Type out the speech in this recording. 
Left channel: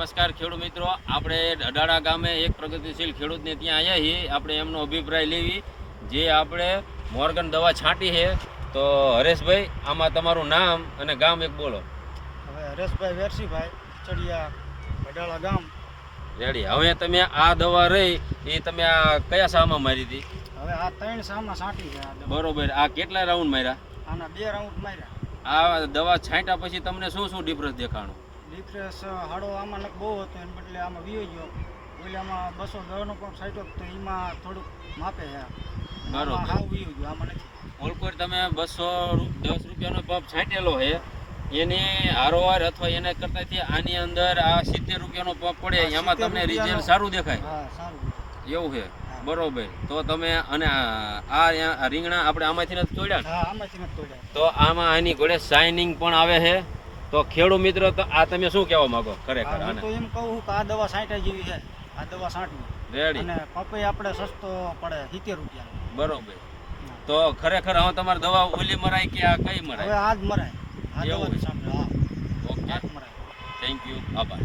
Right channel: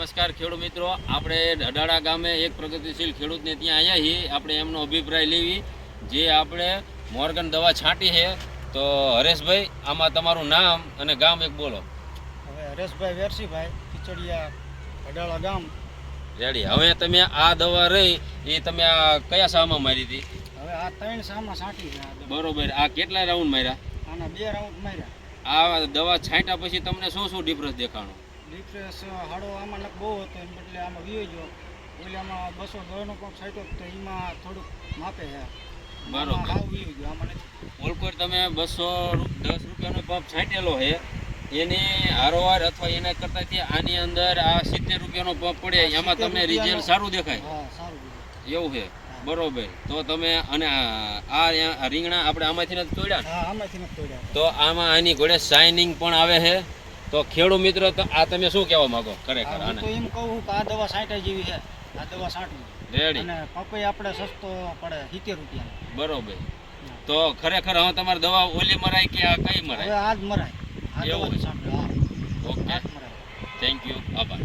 નમસ્કાર ખેડૂત મિત્રો. આપણે અડાડા ગામે એક પ્રગતિશીલ ખેડૂતને ત્યાં આવ્યા છીએ. આપણે એમનો અભિપ્રાય લેવી. જે આપણે મોર્ગન દવા છાંટી છે તો હરેશભાઈ આમાં તમારું નામ અને ગામ એક બોલો. હવે હરેશભાઈ વેરસીભાઈ ખીચડિયા અડાળા ગામ. રેડી. હવે તમે આ દવા રહી એ તમે આ કયા સામાં મારી હતી? હવે આ ત્રણ સામાં છાંટી છે બરોબર. આ કેટલા રાઉન્ડ માર્યા? આના બે રાઉન્ડ માર્યા. આ દવા છાંટ્યા પછી તમને શું શું ડિફરન્સ દેખાણું? ડિફ્રેસ હાડો આમાં નક બહુ હતો એને બદલે આમાં વિયો ગયો. ઓલામાં બસો દસનો પણ સાઈટો તો એમાં થોડુંક માપે છે મારો બરોબર. હાવ વિયો ગયો આમાં નથી. ઓલકોર તમે બસો દસ રૂપિયાનો પંપ છાંટેલો છે એની હારોવાર અથવા એના કરતાંથી આની અંદર આ સિત્તેર રૂપિયાનો પંપ પડે એમાં તમને રિઝલ્ટ સારું દેખાય. હા. એવું છે બરોબર. તો તમે અને આ રીંગણા આપણે આમાંથી નથી તોડ્યા? તો આમાં આની ઘોડે શાઇનિંગ પણ આવે છે તો ખેડૂત મિત્રો તો આ તમે શું કહેવા માંગો? ખરેખર હા, તો એમ કહું કે આ દવા સાંઠા જેવી છે. આ દવા સાંટવી રેડી અને પપૈ આપણે સસ્તો પડે સિત્તેર રૂપિયા બરોબર. તો ખરેખર હવે તમારી દવા ઓલી મરાય કે આ કઈ મરાય? હવે જ મરાય. આ દવા છે? સાંટવી હા. ઓકે. મરાય. થેન્ક યુ આભાર.